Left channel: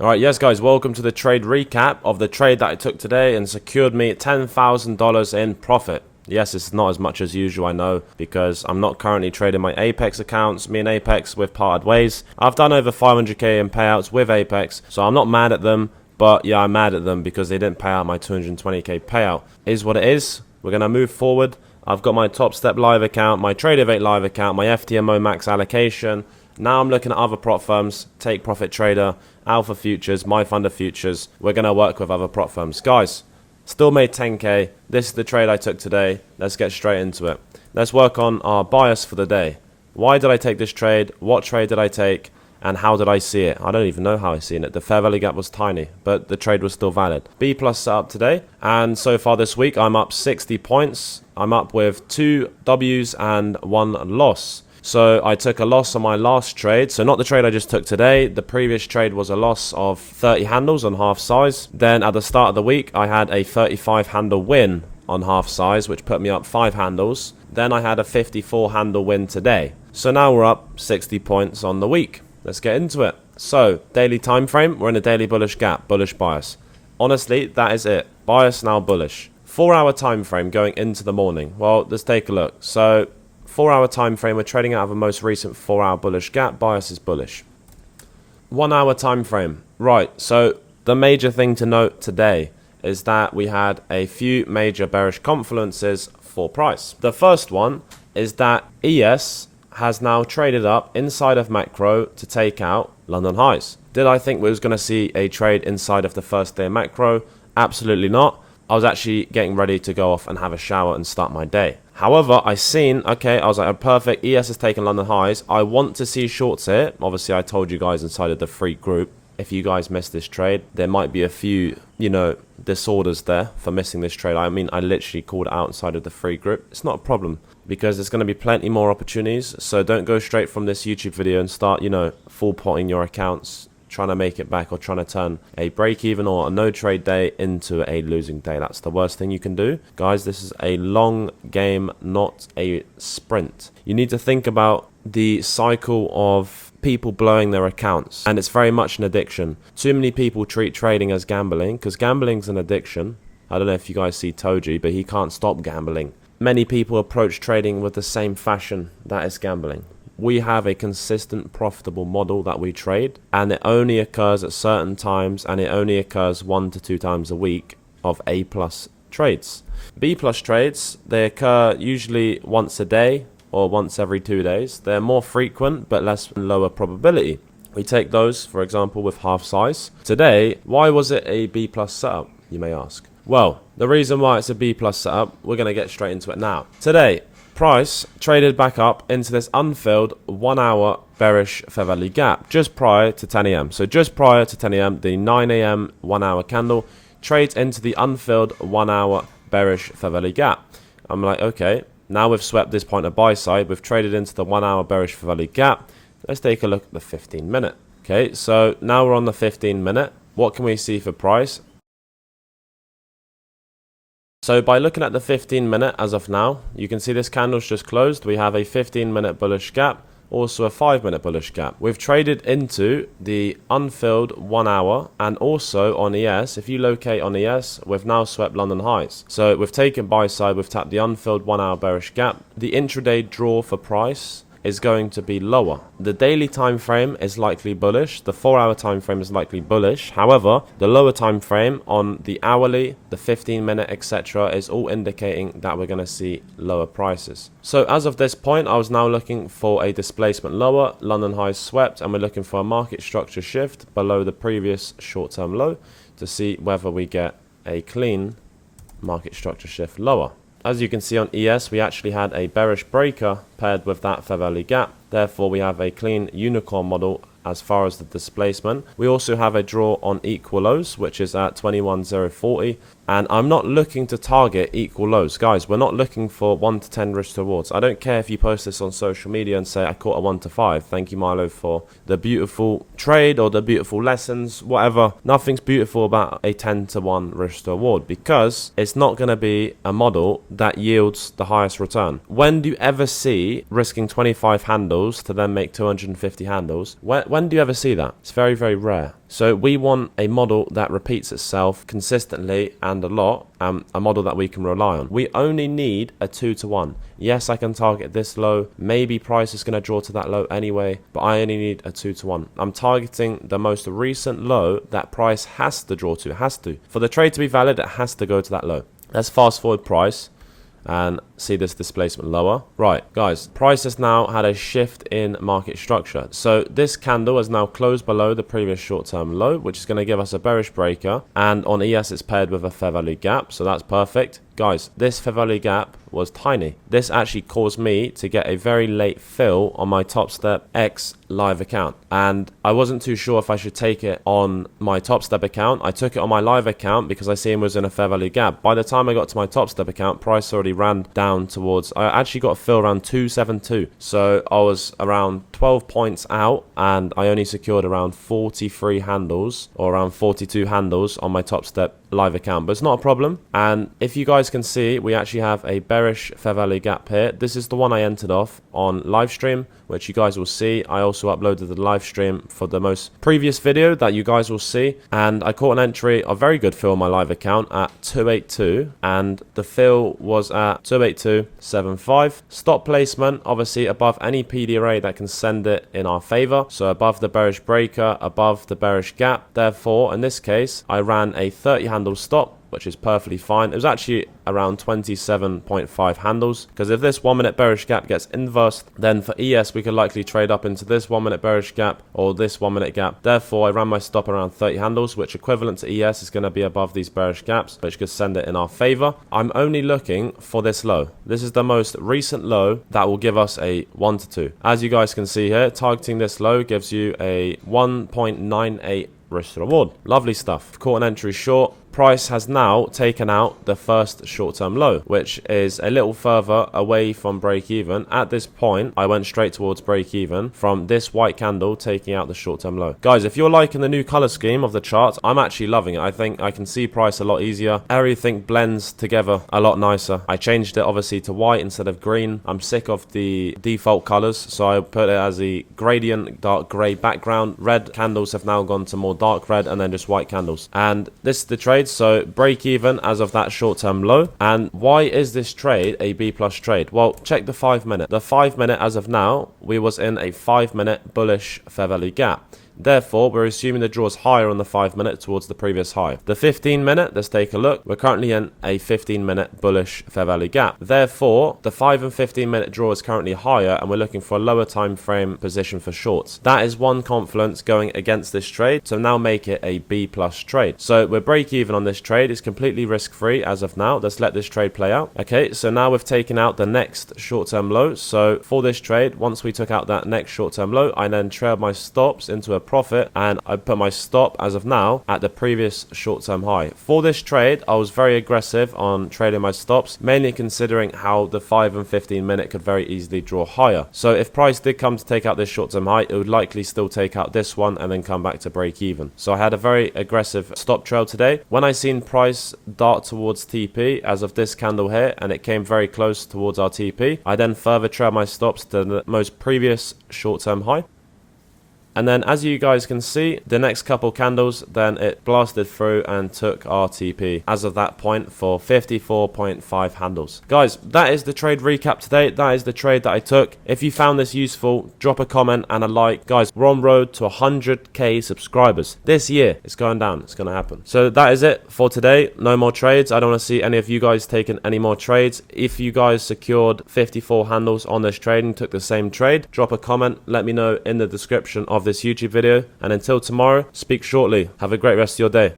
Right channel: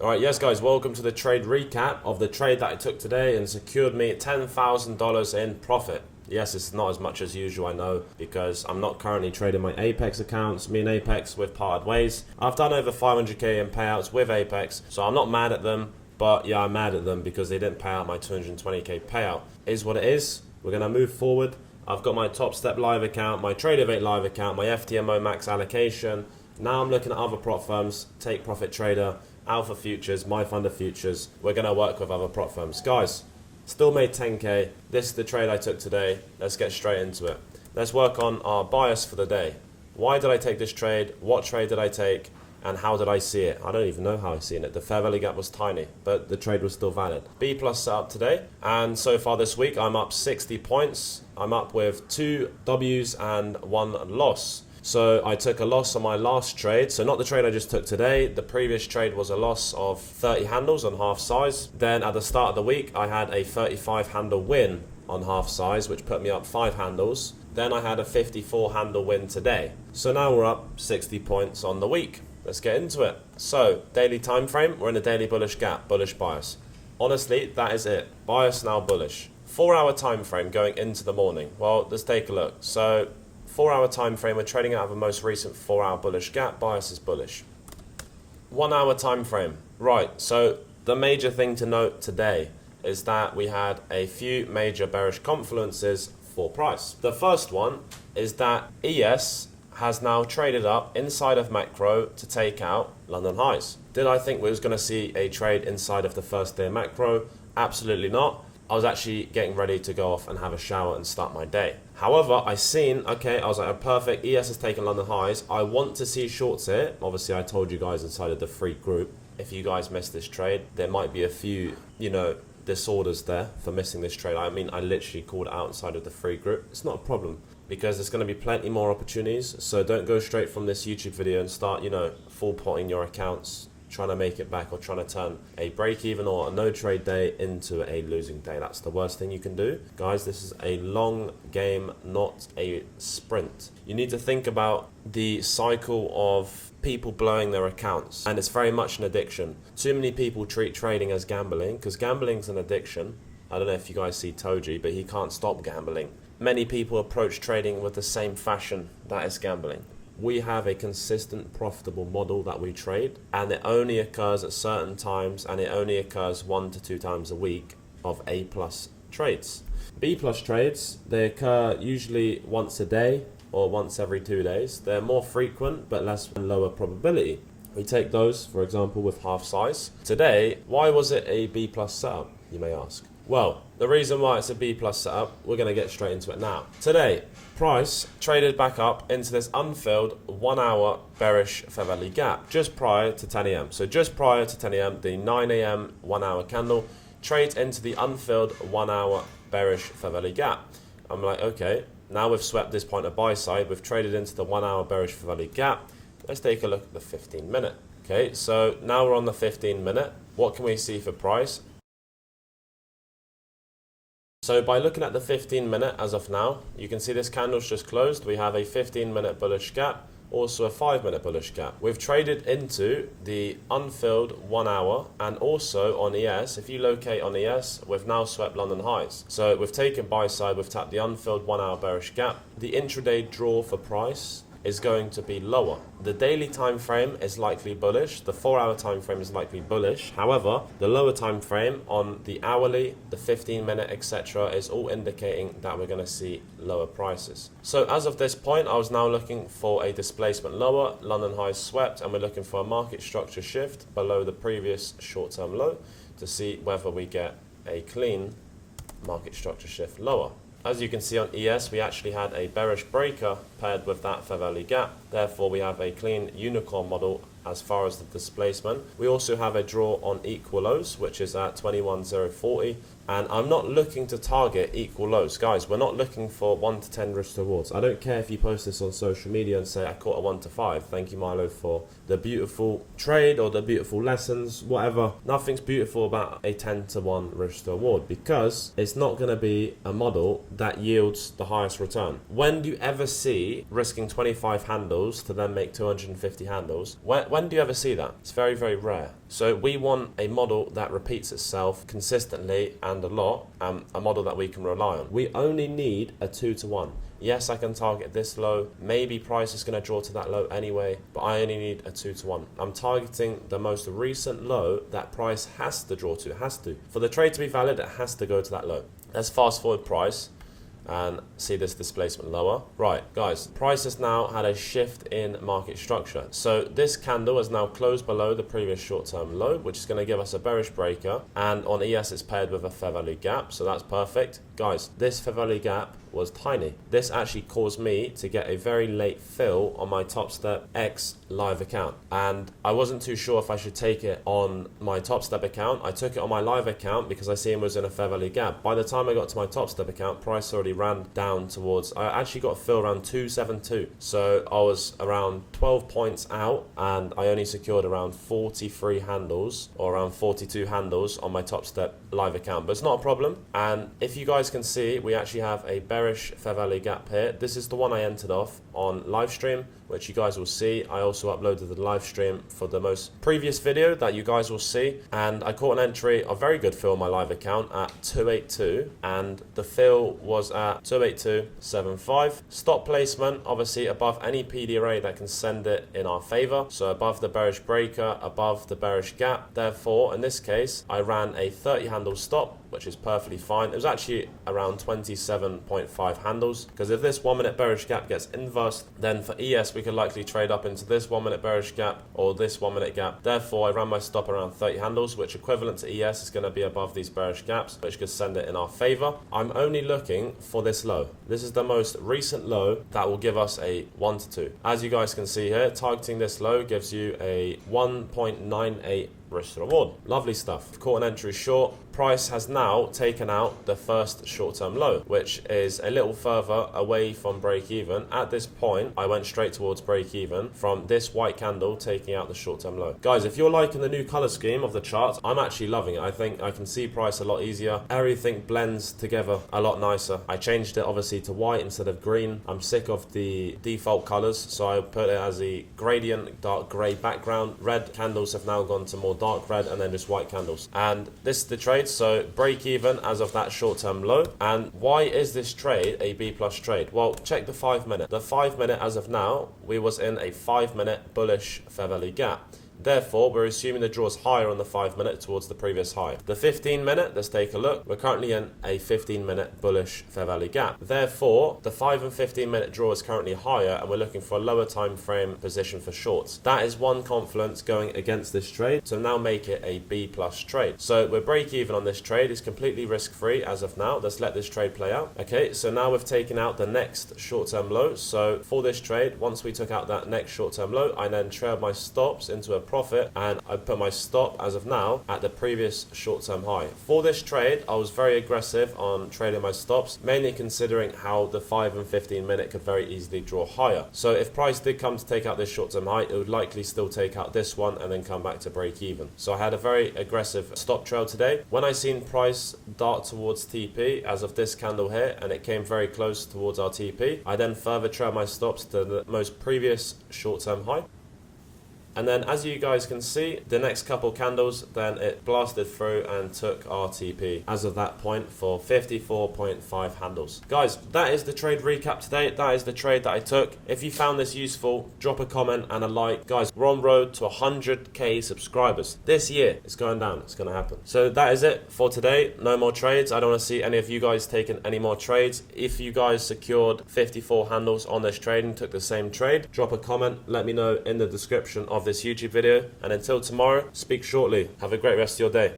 Alright, yes guys, welcome to the trade recap of the trade that I took today and secured me $10,000 in profit. Yes, it's not as much as usual, I know, because I'm not currently trading my Apex accounts. Me and Apex, we've parted ways. I've done over 500k in payouts with Apex, so I'm not mad at them, but yeah, I'm mad at them because they didn't pay out my 220k payout. Is what it is. We're going to move forward. I've got my Top Step live account, my Tradeovate live account, my FTMO max allocation. Now I'm looking at other prop firms, Take Profit Trader, Alpha Futures, My Funder Futures. We're going to work with other prop firms. Guys, still made 10k. This is the trade I took today. Let's get straight into it. Let's work on our bias for the day. Why did I take this trade? What trade did I take? And how did I see it? I don't even know how I seen it. The fair value gap was tiny, but the trade was still valid. B plus set up today. And so far this week, I'm up 60 points. I'm up with 2 W's and 1 loss. So I took a loss on my last trade. So not the trade I just took today. The previous trade was a loss of 30 handles on half size. Then at the start of the week, I had a 35 handle win on half size, which put me up 5 handles. Then I had a 54 handle win today. So now we're up 60 points on the week. Let's get into it. So daily time frame, we're in a daily bullish gap, bullish bias. Honestly, that is it. Bias now bullish. 4-hour time frame going into the morning. Well, let's take a look. So 4-hour time frame, we're trading out of a most recent 4-hour bullish gap. Bias is bullish. 1-hour time frame. Right, so the major thing to note today is that we had a few major bearish confluences for price. The first one is that ES has now traded up inside of macro to take out London highs. Did I think we was going to see a trade inside of the first day of macro? Absolutely not. I was actually getting ready to go off and have a shower and start my day. However, I seen, okay, I was like, oh, perfect, ES has taken London highs. I want to see shorts here. Obviously, I told you guys inside of the free group, if you guys missed this trade, there might be a few, disorders there for missing this trade. I mean, I literally called it out inside of the free group. It's not a problem because there's going to be plenty more opportunities. So don't go straight from this YouTube video and start, full potting your accounts, trying to make it back or trying to turn a break even or a no trade day into a losing day. That's the worst thing you can do. Guys, this is a long game, not a sprint. You need to think about the cycle of people blowing their accounts, and it's very much an addiction. Too many people treat trading as gambling because gambling's an addiction. I don't know if you guys see Toji, but he can't stop gambling. Many people approach trading with the same fashion that is gambling. We have a consistent profitable model that we trade, and it only occurs at certain times, and it only occurs 1 to 2 times a week of A plus trades. B plus trades, they occur usually once a day or once every 2 days. They're more frequent but less lower probability. We take those, for example, with half size. Today, why was it a B plus setup, you may ask? Well, the reason why it's a B plus setup, we're going to get straight into it now. Today, price traded back up into this unfilled 1-hour bearish fair value gap just prior to 10 a.m. So just prior to 10 a.m., the 9 a.m. 1-hour candle trades into the unfilled 1-hour bearish fair value gap. I'm like, okay, now we've swept this point of buy side. We've traded into the 1-hour bearish fair value gap. Let's take a look at the 15-minute. Okay, so now we're on the 15-minute. What can we see for price? So by looking at the 15-minute as of now, you can see this candle's just closed. We have a 15-minute bullish gap, also a 5-minute bullish gap. We've traded into the unfilled 1 hour and also on ES. If you locate on ES, we've now swept London highs. So we've taken buy side, we've tapped the unfilled 1 hour bearish gap. The intraday draw for price is going to be lower. The daily time frame is likely bullish. The 4-hour time frame is likely bullish. However, the lower time frame on the hourly, the 15-minute, etc. is all indicating that we're going to see lower prices. So as of this point, I was now looking for a displacement lower. London highs swept, and we're looking for a market structure shift below the previous short-term low to see whether we get a clean market structure shift lower. As you can see on ES, we actually had a bearish breaker paired with that fair value gap. Therefore, we have a clean unicorn model as far as the displacement. We also have a draw on equal lows, which is at 21,040. And I'm not looking to target equal lows. Guys, we're not looking for 1 to 10 risk rewards. I don't care if you post this on social media and say, I caught a 1 to 5. Thank you, Milo, for the beautiful trade or the beautiful lessons, whatever. Nothing's beautiful about a 10 to 1 risk reward because it's not going to be a model that yields the highest return. When do you ever see risking 25 handles to then make 250 handles? When do you ever see that? It's very, very rare. So we want a model that repeats itself consistently and a lot, a model that we can rely on. We only need a 2-to-1. Yes, I can target this low. Maybe price is going to draw to that low anyway, but I only need a 2-to-1. I'm targeting the most recent low that price has to draw to. It has to. For the trade to be valid, it has to go to that low. Let's fast forward price and see this displacement lower. Right, guys, price has now had a shift in market structure. So this candle has now closed below the previous short-term low, which is going to give us a bearish breaker. And on ES, it's paired with a fair value gap, so that's perfect. Guys, this fair value gap was tiny. This actually caused me to get a very late fill on my Top Step X live account. And I wasn't too sure if I should take it on my Top Step account. I took it on my live account because I seen it was in a fair value gap. By the time I got to my Top Step account, price already ran down towards, I actually got a fill around 272. So I was around 12 points out and I only secured around 43 handles or around 42 handles on my Top Step live account, but it's not a problem. And if you guys can see, we actually have a bearish fair value gap here. This is the one I entered off on live stream, which you guys will see. I also uploaded the live stream for the most previous video that you guys will see, and I caught an entry, a very good fill on my live account at 282, and the fill was at 282.75. Stop placement obviously above any PD array that can send it in our favor, so above the bearish breaker, above the bearish gap. Therefore, in this case, I ran a 30 handle stop, which is perfectly fine. It was actually around 27.5 handles, because if this 1 minute bearish gap gets inversed, then for ES we could likely trade up into this 1 minute bearish gap or this 1 minute gap. Therefore I ran my stop around 30 handles, which equivalent to ES is going to be above these bearish gaps, which could send it in our favor. I'm only looking for this low. This is the most recent low that will give us a 1-to-2. As you guys can see here, targeting this low gives you a 1.98 risk to reward. Lovely stuff. Caught an entry short. Price has now taken out the first short-term low, which is a little further away from break-even. At this point, I went straight towards break-even from this white candle taking out the short-term low. Guys, if you're liking the new color scheme of the chart, I'm actually loving it. I think I can see price a lot easier. Everything blends together a lot nicer. I changed it obviously to white instead of green. I'm sick of the default colors, so I put it as a gradient dark gray background. Red candles have now gone to more dark red, and then just white candles. And this is the trade. So break even as of that short-term low. And why is this trade a B plus trade? Well, check the 5 minute. The 5 minute as of now, we was in a 5 minute bullish fair value gap. Therefore, we're assuming the draw is higher on the 5 minute towards the previous high. The 15 minute, let's take a look. We're currently in a 15 minute bullish fair value gap. Therefore, the 5 and 15 minute draw is currently higher, and we're looking for a lower time frame position for shorts. That is one confluence going against this trade, so now make it a B plus trade. So we're break even on this trade. It's completely risk free as of now. Let's let this trade play out. Okay, so now we've taken out the next short term low. So for this trade, once we took out that next short term low, I then trailed my stops into a profit, and I put my stop as of now at the previous short-term high. For this trade, I was very aggressive on trading my stops, mainly considering how the 5 and 15 minute could very easily draw higher. So if price did come to take out this short-term high, it would likely still take out this one and then come back to break even. So I had a very aggressive stop trail today. When I seen price dart towards TP as of this candle here, and it came very close towards our TP, I then further trailed my stops to the most previous short-term high. And then as you guys can see, the next couple candles, then it blasted through and took RTP as of that point for 54.5 handles. Guys, that is the trade recap today. That is the trade that I took. If you found this useful, drop a comment and a like. Guys, we're on road to 100k subscribers. This year, it's going down. It's going to happen. So that is it for today. No more trades. I don't want to see any of you guys taking any more trades. If you guys secured 54 handles on this trade and took the same trade, drop a comment. Let me know in the description of this YouTube video, and until tomorrow, speak shortly. Have a great rest of your day.